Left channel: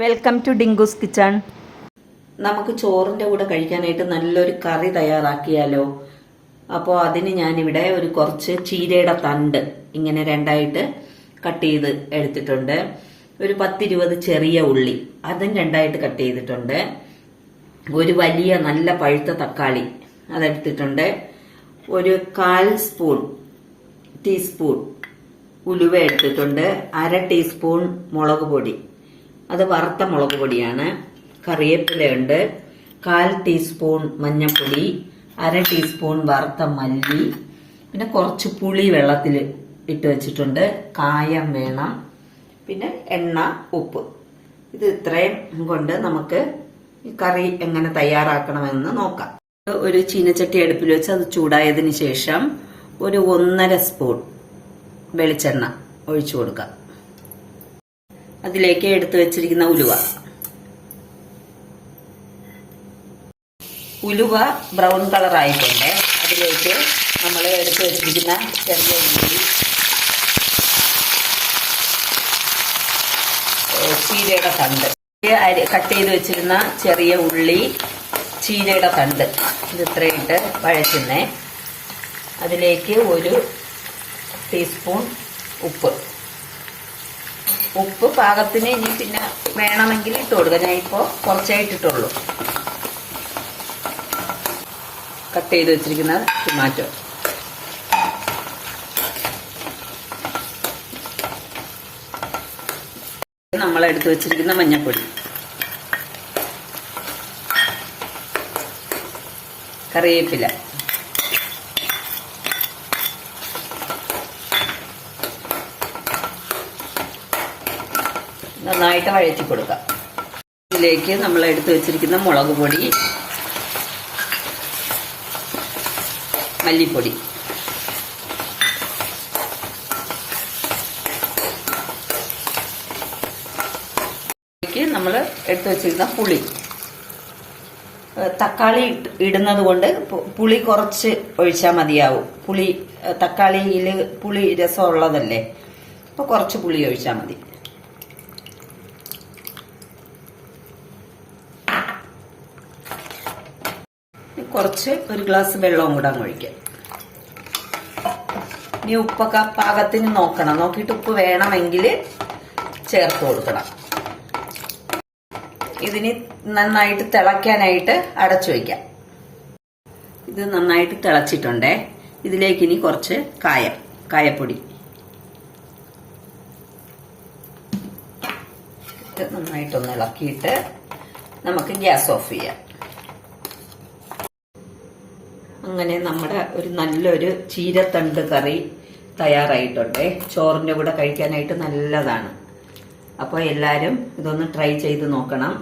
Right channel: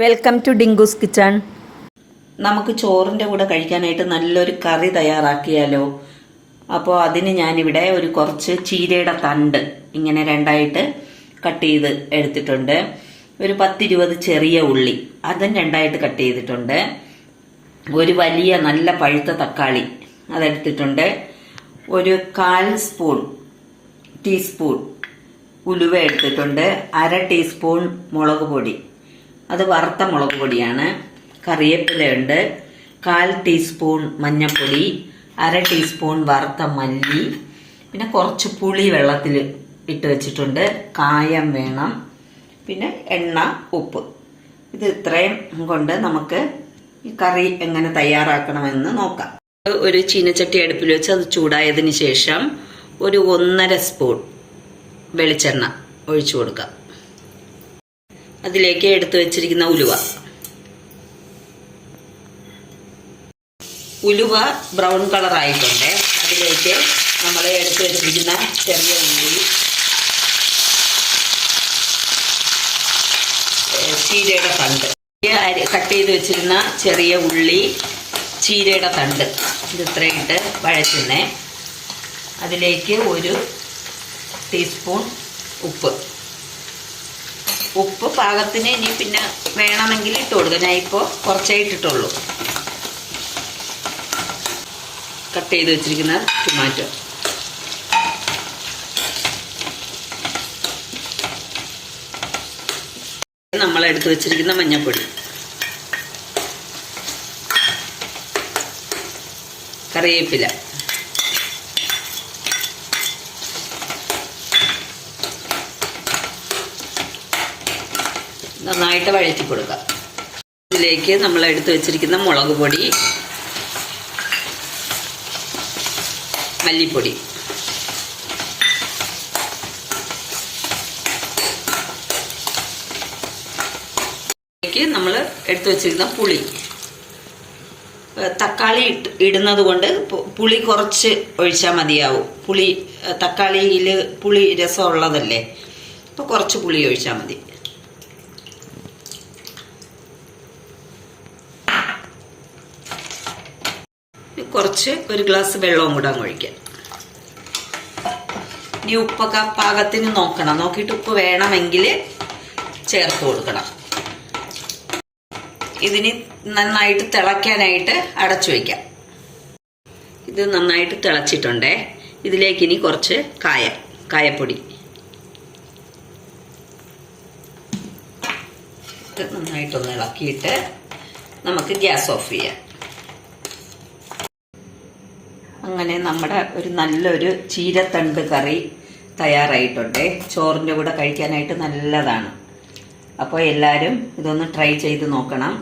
Welcome to Dinkoos kitchen നമുക്ക് ചോറിന്റെ കൂടെ കഴിക്കാനായിട്ട് നല്ലൊരു കറി തയ്യാറാക്കിയാലോ? അപ്പോൾ അതിന് ഞാനിവിടെ ഒരു കുറച്ച് ചീരയുടെ തണ്ട് ഇങ്ങനെ രണ്ടായിട്ട് കട്ട് ചെയ്ത് എടുത്തിട്ടുണ്ട്. ഒരു പത്തിരുപത് ചെറിയ ഉള്ളി അതും രണ്ടായിട്ട് കട്ട് ചെയ്തിട്ടുണ്ട്. ഒരു വലിയ നല്ല പഴുത്ത തക്കാളി അതെടുത്തിട്ടുണ്ട്. ഒരു കാൽ സ്പൂൺ ടീസ്പൂൺ ഉലുവ എടുത്തിട്ടുണ്ട്. അര ടീസ്പൂൺ മുളക് പൊടി. അത് വറുത്ത മുളക് പൊടിയാണ്. കറിവേപ്പിലയുണ്ട് കാൽ ടീസ്പൂൺ മഞ്ഞൾപ്പൊടി അര ടീസ്പൂൺ വറുത്ത മല്ലി പിന്നെ കുറച്ച് പുളി വെള്ളത്തിൽ ഇട്ട് വെച്ചിട്ടുണ്ട്. കായം വേണം. പിന്നെ എണ്ണ ഉപ്പ്. ഇത് ഇത്രയും കൊണ്ട് നമുക്ക് ഈ കറി എങ്ങനെ തയ്യാറാക്കണമെന്ന് നോക്കാം. ഒരു ചീനച്ചട്ടി അടുപ്പിൽ വെച്ച് അത് ചൂടായതിന് ശേഷം ഒരു ഒന്നര സ്പൂൺ വെളിച്ചെണ്ണ ഒഴിച്ചു കൊടുക്കാം. അതിലേക്ക് എടുത്തു വെച്ചിരിക്കുന്ന ഉലുവ. ഉലുവ ബ്രൗൺ കളർ ആയിട്ടുണ്ട്. അതിലേക്ക് നമ്മൾ എടുത്തു വെച്ചിരിക്കുന്ന ചെറിയ ഉള്ളി ചീരയുടെ തണ്ട്. കട്ട് ചെയ്ത് വെച്ചിരുന്ന ചെറിയ ഉള്ളി ചീരയുടെ തണ്ട്. ഇത് ഇത്രയിട്ട് വഴറ്റുന്നേ. അതിലേക്ക് ഒരു ടീസ്പൂൺ ഉപ്പ്. ഉപ്പ് പാകത്തിന് ഇനി പിന്നെ വേണമെങ്കിൽ ഇട്ട് കൊടുക്കാം. ഞാൻ ഇപ്പോൾ കുറച്ചായിട്ടിട്ടുള്ളൂ കട്ട് ചെയ്ത് വെച്ചിരിക്കുന്ന ടൊമാറ്റോ നമ്മൾ എടുത്ത് വെച്ചിരിക്കുന്ന മഞ്ഞൾപ്പൊടി കറിവേപ്പില. നന്നായിട്ട് വഴറ്റി കൊടുക്കാം. ഇതിലേക്ക് നമ്മൾ എടുത്തു വെച്ചിരിക്കുന്ന മുളക് പൊടി മല്ലിപ്പൊടി. നമ്മൾ എടുത്തു വെച്ചിരിക്കുന്ന പുളി. തക്കാളി ഇടുന്നത് കൊണ്ട് പുളി കുറച്ച് ഒഴിച്ചാൽ മതിയാവും. പുളി തക്കാളിയിൽ പുളി രസമുള്ളതല്ലേ? അപ്പോൾ കുറച്ച് പുളി ഒഴിച്ചാൽ മതി. കുറച്ച് ഒരു ഗ്ലാസ് വെള്ളവും കൂടെ അങ്ങ് ഒഴിക്കാം. ഇനി ഉപ്പൊക്കെ പാകത്തിന് നോക്കണം. നോക്കിയിട്ട് ഉപ്പ് വേണമെങ്കിൽ ചേർത്ത് കൊടുക്കണം. ഇതിന് നന്നായിട്ട് തിളയ്ക്കാനായിട്ട് അടച്ചു വയ്ക്കാം. ഇത് നന്നായിട്ട് തിളച്ചിട്ടുണ്ടേ. ഇതിലേക്ക് ഇനി കുറച്ച് കായ കായപ്പൊടി. നന്നായിട്ടൊന്ന് ഇളക്കിയിട്ട് നമുക്ക് ഗ്യാസ് ഓഫ് ചെയ്യാം. അങ്ങനെ നമ്മുടെ ഒരു നല്ലൊരു ചീരത്തണ്ട് കറി തയ്യാറായിട്ടുണ്ട്. ചോറിന്റെ കൂടെ കഴിക്കാനായിട്ട് നല്ലതാണ്. അപ്പോൾ എല്ലാവരും ഇതൊന്ന് ട്രൈ ചെയ്ത് നോക്കണം.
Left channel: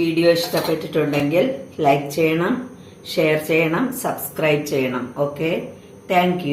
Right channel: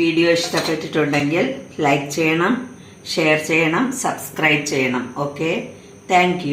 വീഡിയോ ഇഷ്ടപ്പെട്ടിട്ടുണ്ടെങ്കിൽ ലൈക്ക് ചെയ്യണം ഷെയർ ചെയ്യണം സബ്സ്ക്രൈബ് ചെയ്യണം. ഓക്കെ? താങ്ക്